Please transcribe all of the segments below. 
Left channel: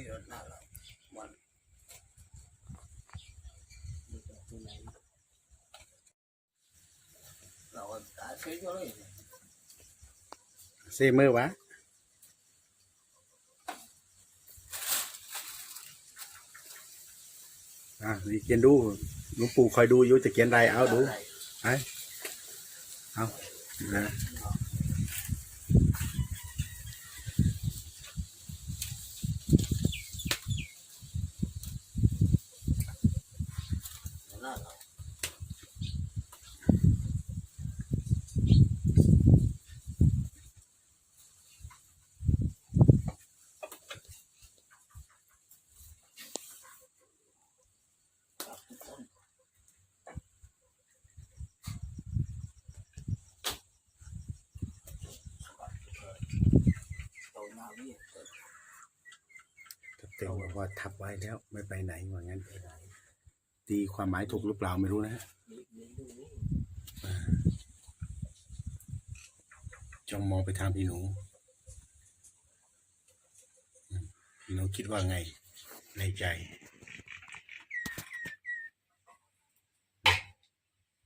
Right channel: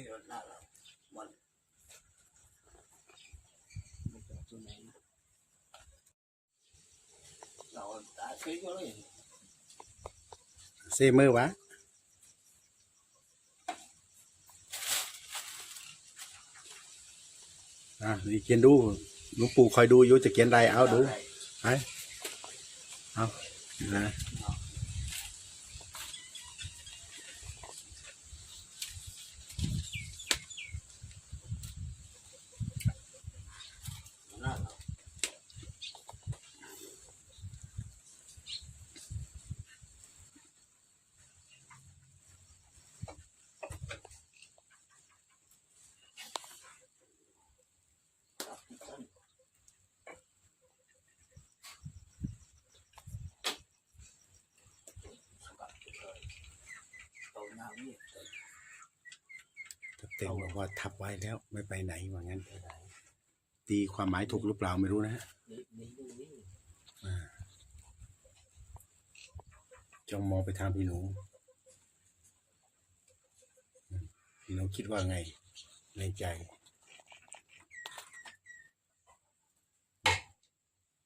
ยหน้าเรามันตัวไหนเราตาซื้อก็เลย เซเมอร์วะอะนี่เขียนดูหลวงปู่คอยดูอยู่จะเขียนอะไรเอาดูไปเอานะ หน้าเรา ถ้าเต็งบอกว่าทับไว้แล้วไม่ไปไหนว่างั้น ตีความหมายถูกหรือเปล่าไม่รู้นะฮะจ้องมองไปทางพี่หนู พี่หนูคิดว่าไงในใจ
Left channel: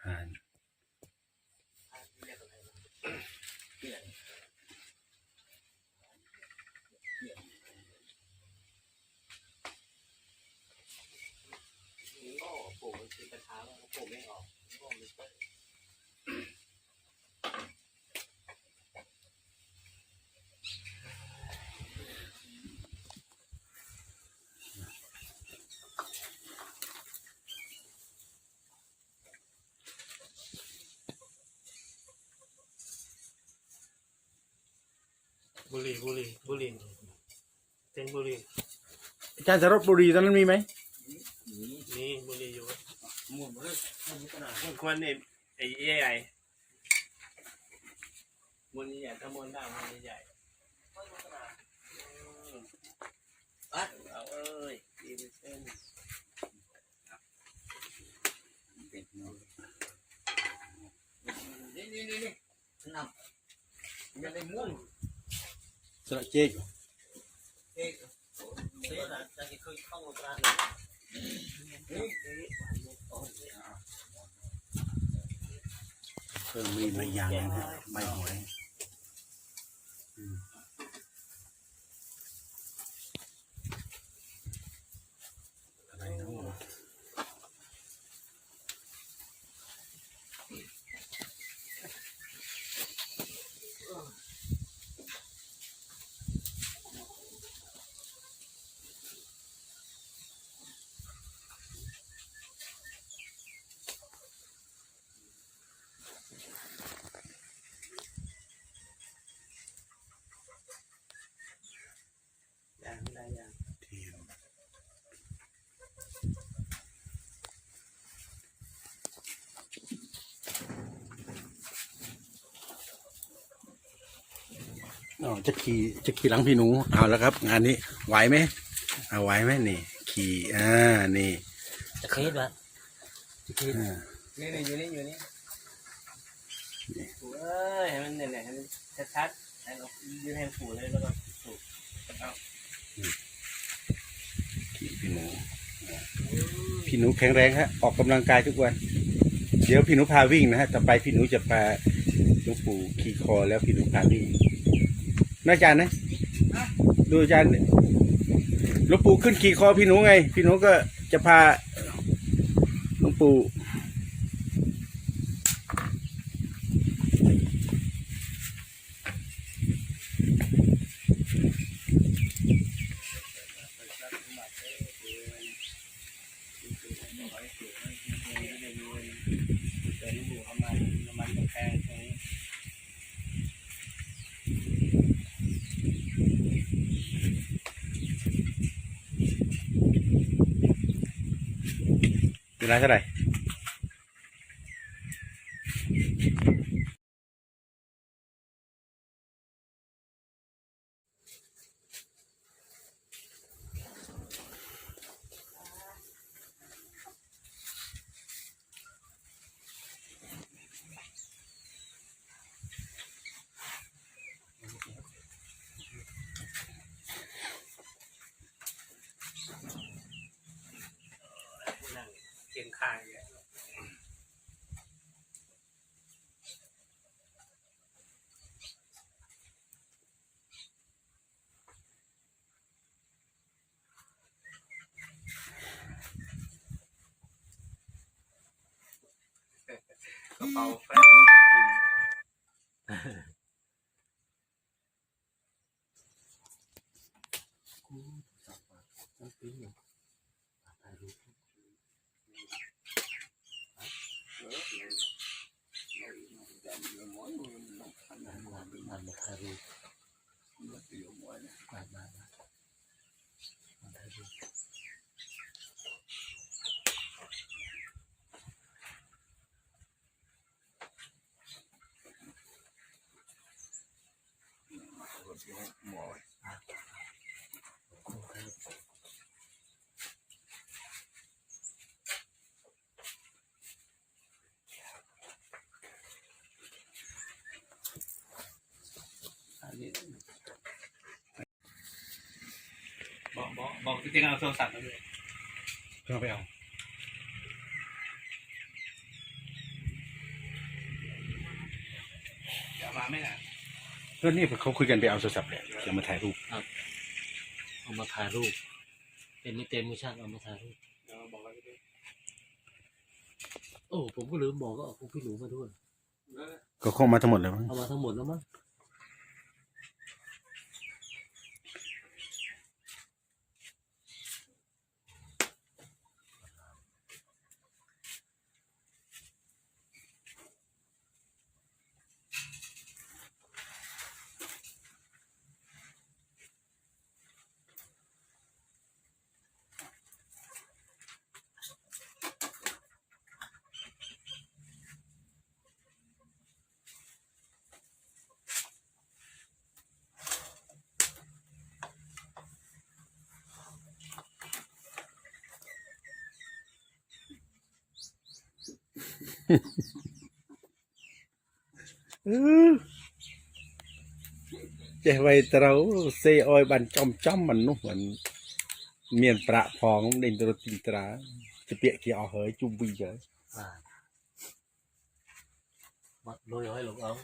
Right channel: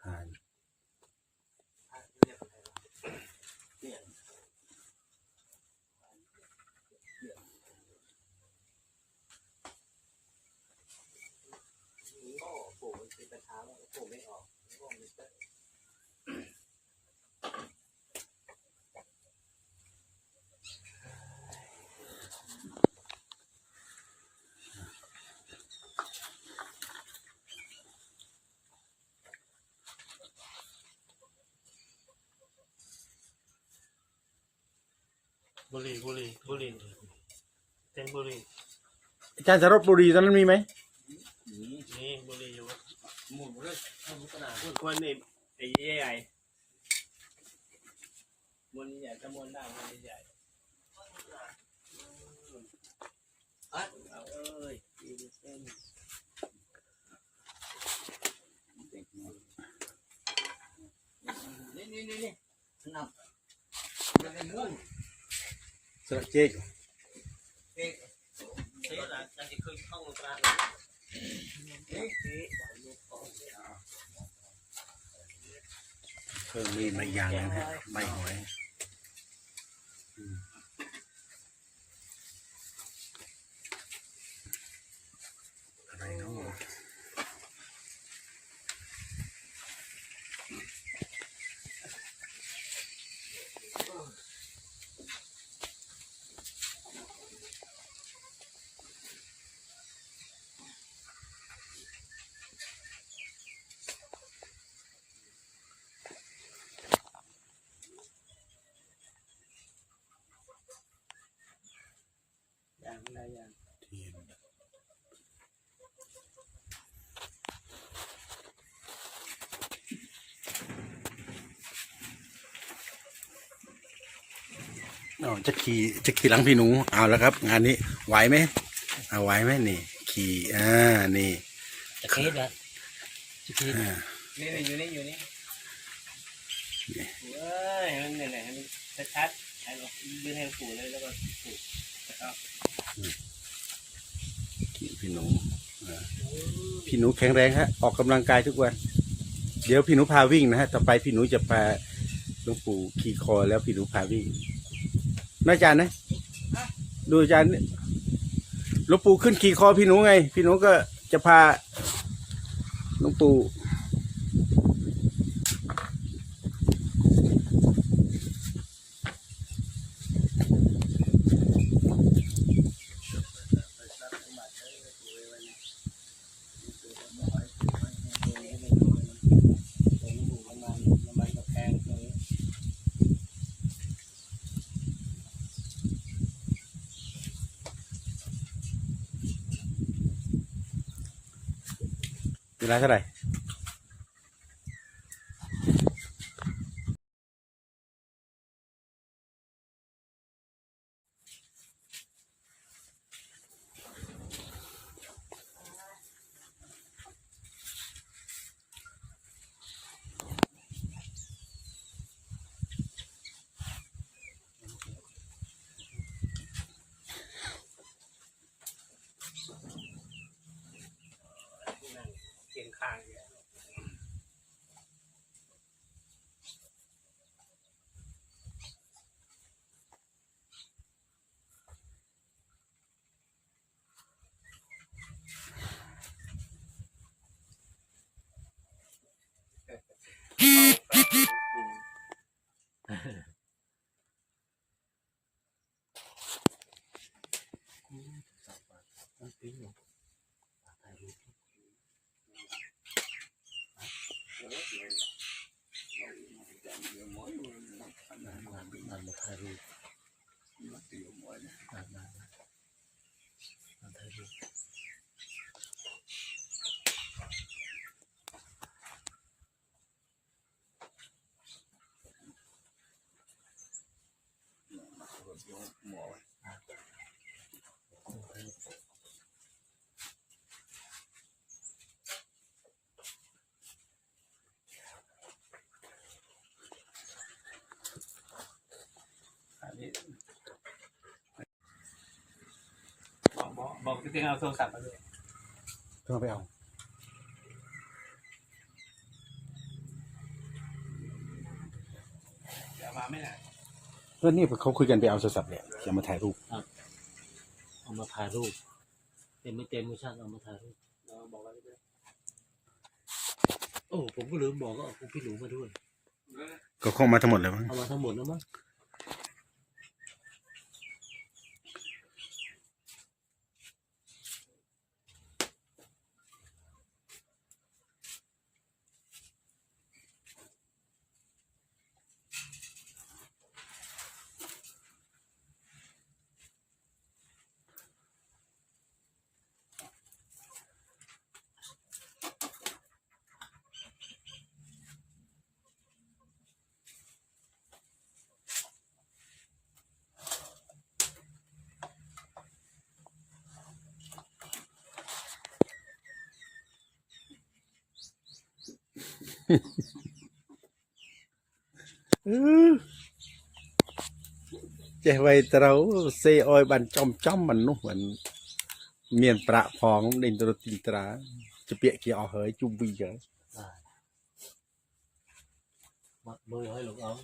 ผ่าน เรียกอะไรวะ เปลี่ยน นี่ก็ปลูกมันเป็นกระถางแล้วปลูกไม่ออกงอกมันเต้น บุหรี่บุหรี่บุหรี่เต็นบุหรี่อาจารย์สรบบุรีตอนนั้นมีไหมนี่นี่บุหรี่อยู่หมุนเลยทำกระดาษมันควรนี่ไอ้ใหญ่มนใหญ่ถ้ามนได้มนใหญ่ปัดเอาเอ้ยดีเป็นเส้นนี่นี่นี่นี่นับมันได้มุ่ง สระเจ๊กเอ๊ะเส้นอาจจะขึ้นเข้าตราเอ๊ะเพิ่มมีดมาอย่างนะฮะใบหอยอืมอะไรเนาะ อย่างได้อย่าง เทียนอ๋อ จะขี่จะขี่หลังพี่หนูเอาแล้วครับ งานนี้ไหวไหมเอาไหวไหมนี่ ขี่อ่านี่จะเคสละจะเคสอ่านี่นี่อยู่นี่อยู่นี่นี่เอ้ยให้มันเนี่ยเนี่ยให้มันชัดๆให้เรายืนให้ปู่เลยแล้วก็ปู่เอาขี่พี่หนูอ่าพี่หนูแข็งแรงฮะออกกำลังกายทุกวัน เดี๋ยวพี่หนูพาวิ่งนะฮะต่อไปพี่หนูจะพาหลวงปู่ขี่คอแล้วพี่หนูพาวิ่ง น่าอาจารย์นะ ดูอาจารย์หลวงปู่ขึ้นขี่คอพี่หนูไง พี่หนูก็จะพาหลวงปู่ เดินอยู่ประมาณประมาณกำแพงตรงนีู้่ร้านเท่าไหร่ ห่างอย่าง อันนี้บอกบอกบอกจริงๆ เอาโทรศัพท์มาด้วยเพิ่งเอาไปเอาเดี๋ยวมาไม่นานก็นี่เขาคุยกันไปเอาโทรศัพท์เลยจะมาถ่ายรูปเอามาถ่ายรูป เต็มไม่เต็มไม่ช่างเอามาถ่ายรูปเราบอกแล้วด้วยโอ้ผมก็ลืมบอกก็เอาคุณพี่หนูมาด้วยก็คงมาทั้งหมดเลยมั้งเอามาทั้งหมดแล้วมั้ง ចេះໄວត្រូវសេអយបានចំចំមនុស្សមិនមាន ប្រាក់ផងដេញទៅទីត្រាជាពាក្យគេអស់ហើយជុំវិញហើយបាទបាត់លុយហើយលោកអង្គ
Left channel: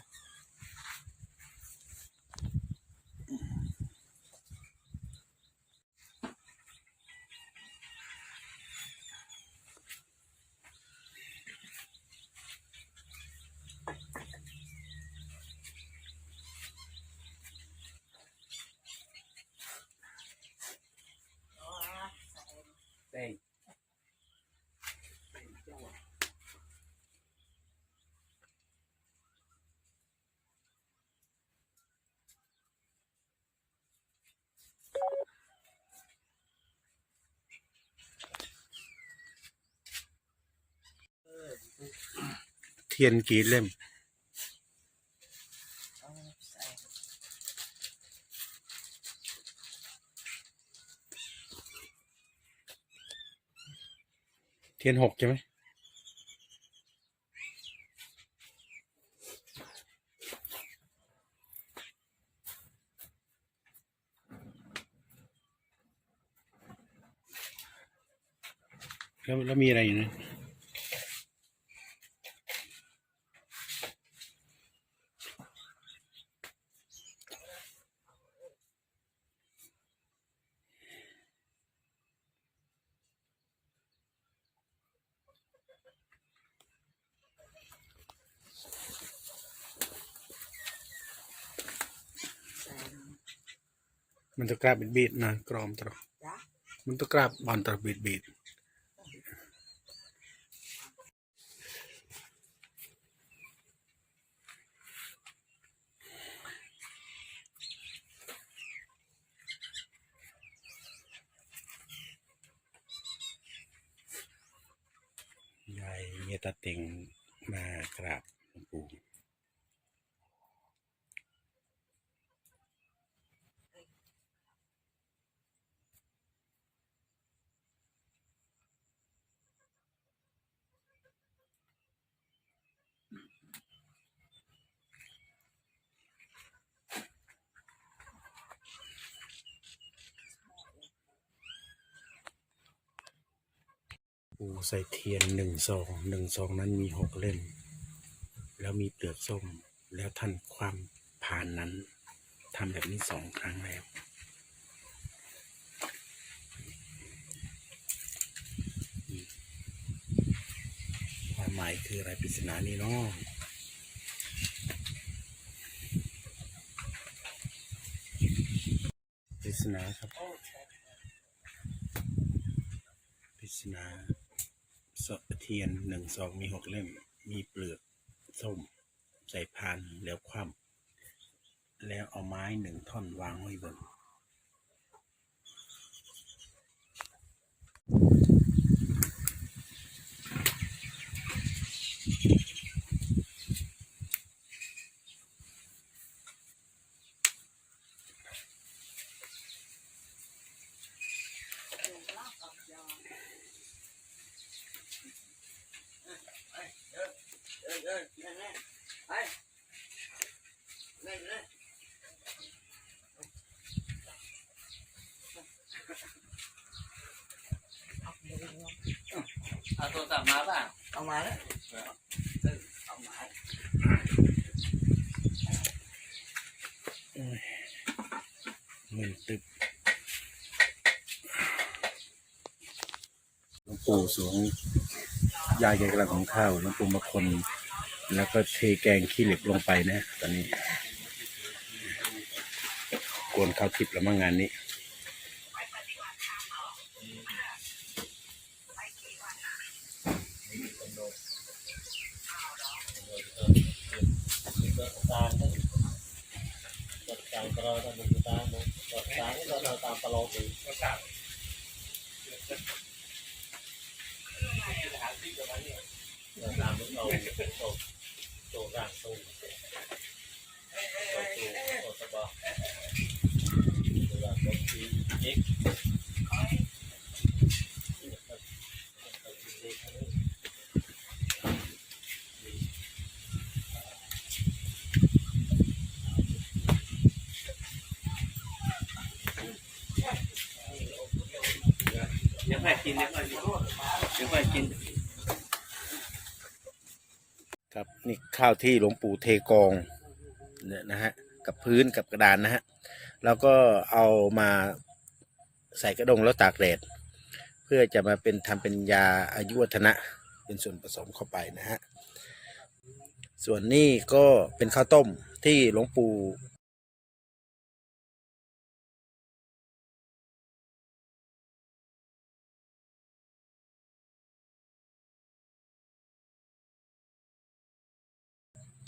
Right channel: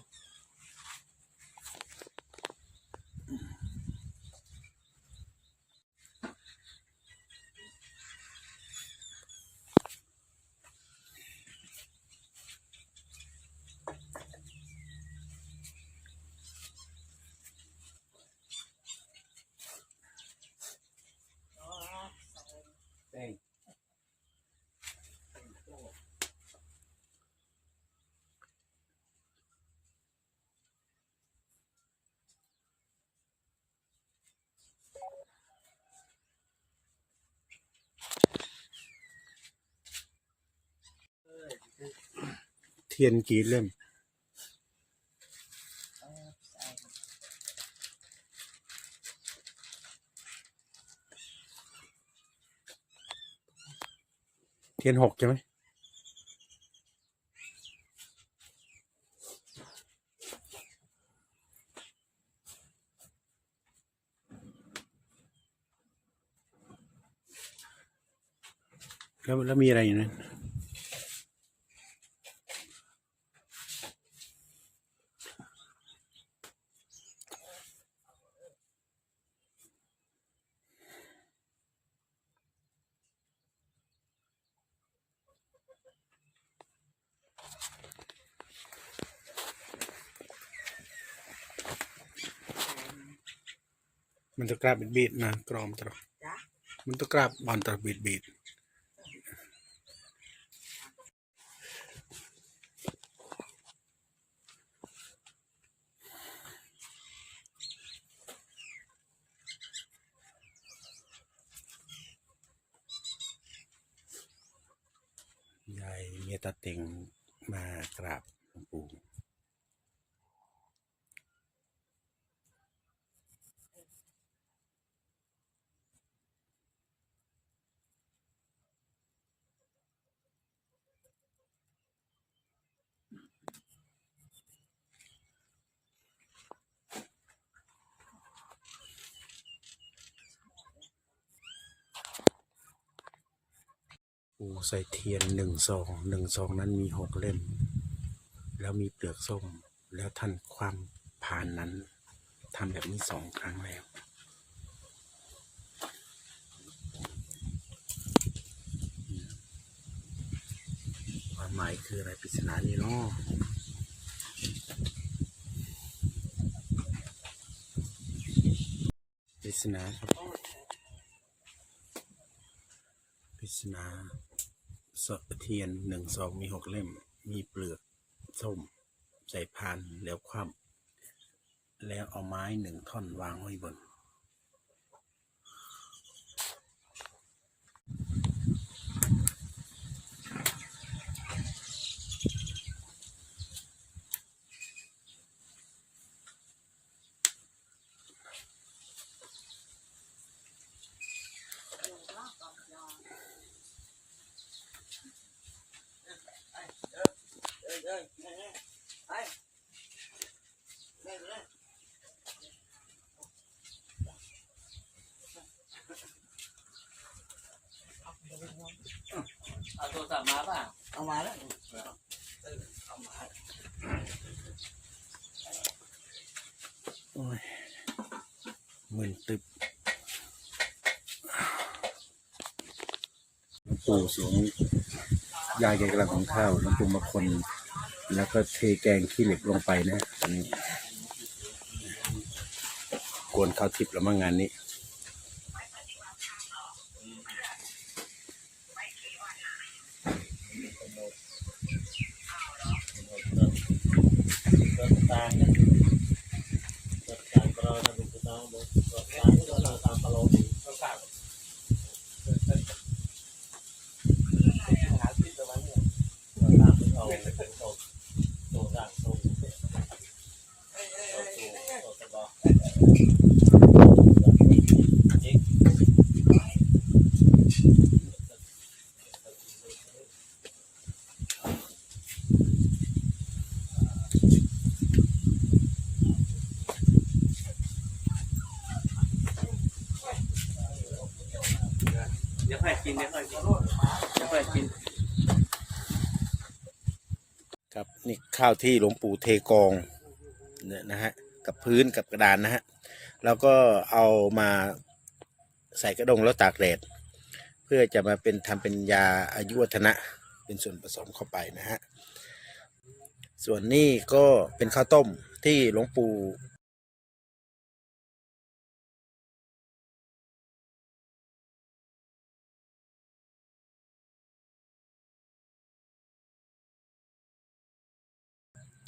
ทียนกี่เล่ม เทียนหกใช่ไหมแล้วแล้วมีอะไรอยู่นะ มันจะกราบบีดๆนะกรอมตรอมันต้องกราบบอลตรอบีดบีดยายเมียตาเต็งมากราบหลวงปู่ ปูใส่เทียนหนึ่งซองหนึ่งซองนั้นมีหกเล่ม แล้วมีเปลือกส้ม แล้วท่านความผ่านนั้นทำแบบนี้สองครั้งแล้วความหมายคืออะไรปริศนานี้เนาะปริศนาครับ ศนาสดเทียนหนึ่งซองมีหกเล่ม มีเปลือกส้ม ใส่พานแล้วคว่ำแล้วเอาไม้หนึ่งท่อนวางไว้บน เอ้ยเอ้ยนี่นี่ไปนี่นี่ เอาโทรศัพท์ มาป่ะเอามาแล้วเอามาโอ้ยมึนตึบหลวงปู่สวงยายแกกำลังของข้าวหลวงปู่มาคน แล้วก็เทแกงขี้เหล็กลงไปนะ ตอนนี้ กวนข้าวทิพย์แล้วมั่งงานนี้ ก็ตามนะก็ตามเราทำบุญตามบุญก็ตามที่ เราตามปลอมก็กลับเราตามเราเราโตร่างโตเราโตโตสบายเอ็ก ดี๋ยวค่อยกินเดี๋ยวค่อยกิน ครับนี่ข้าวที่หลวงปู่เทกองเนี่ยนะฮะกับพื้นกับกระดานนะฮะแล้วก็เอามาใส่กระดงแล้วตากแดดเพื่อจะมาเป็นทำเป็นยาอายุวัฒนะเป็นส่วนผสมเข้าไปนะฮะส่วนนี้ก็เป็นข้าวต้มที่หลวงปู่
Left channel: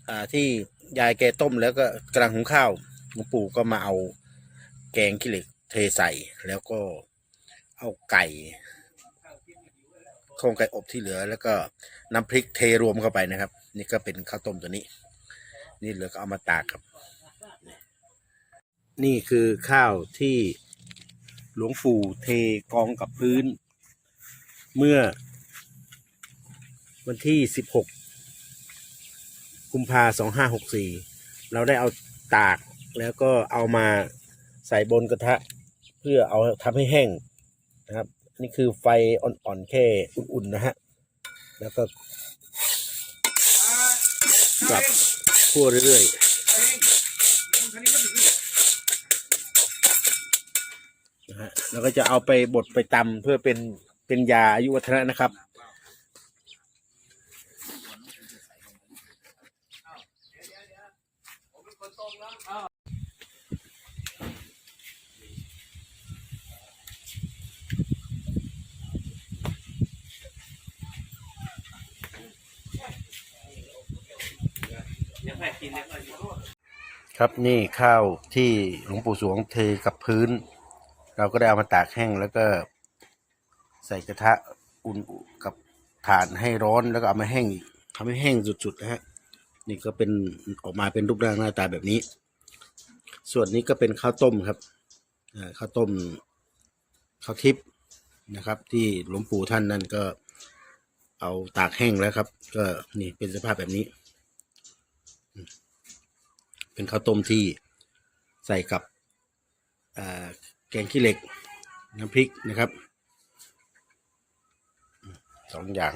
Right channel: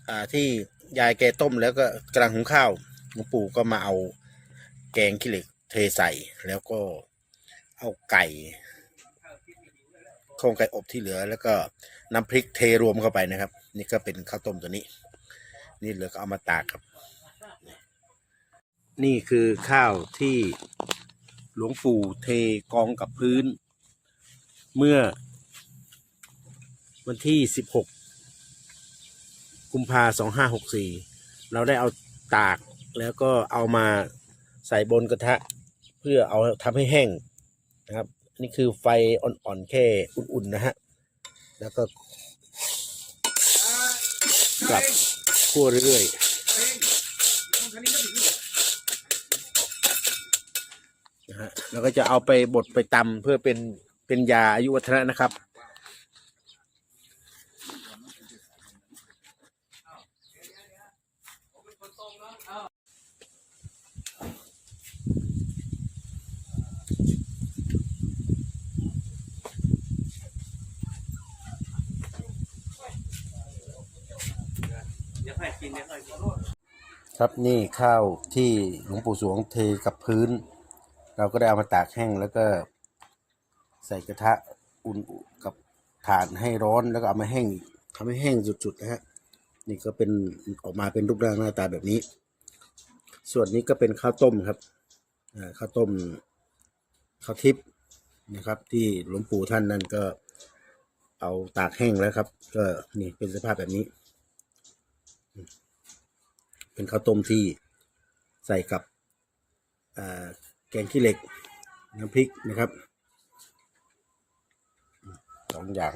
อ่าที่ยายแกต้มแล้วก็กำลังหุงข้าวหลวงปู่ก็มาเอาแกงขี้เหล็กเทใส่ แล้วก็เอาไก่โครงไก่อบที่เหลือ แล้วก็น้ำพริกเทรวมเข้าไปนะครับ นี่ก็เป็นข้าวต้มตัวนี้ นี่เหลือก็เอามาตากครับ นี่นี่คือข้าวที่หลวงปู่เทกองกับพื้น เมื่อวันที่สิบหก กุมภาสองห้าหกสี่เราได้เอาตากแล้วก็เอามาใส่บนกระทะ เพื่อเอาทำให้แห้งนะครับนี่คือไฟอ่อนๆแค่อุ่นๆนะฮะแล้วก็กลับคั่วเรื่อยๆนะฮะแล้วก็จะเอาไปบดไปตำเพื่อเป็นเป็นยาอายุวัฒนะนะครับ เดี๋ยว ครับนี่ข้าวที่หลวงปู่สวงเทกับพื้น เราก็ได้เอามาตากแห้งแล้วก็ใส่กระทะอุ่นกับถ่านให้ร้อนแล้วก็เอามาแห้งทำให้แห้งสุดๆนะฮะ นี่ก็เป็นออกมาเป็นรูปร่างหน้าตาแบบนี้ ส่วนนี้ก็เป็นข้าวต้มครับข้าวต้มข้าวทิพย์นะครับ ที่หลวงปู่ท่านนั่นก็เอาตากแห้งแล้วครับ ก็นี่เป็นสภาพแบบนี้ เป็นข้าวต้มที่ใส่กับแกงขี้เหล็กน้ำพริกนะครับสองอย่าง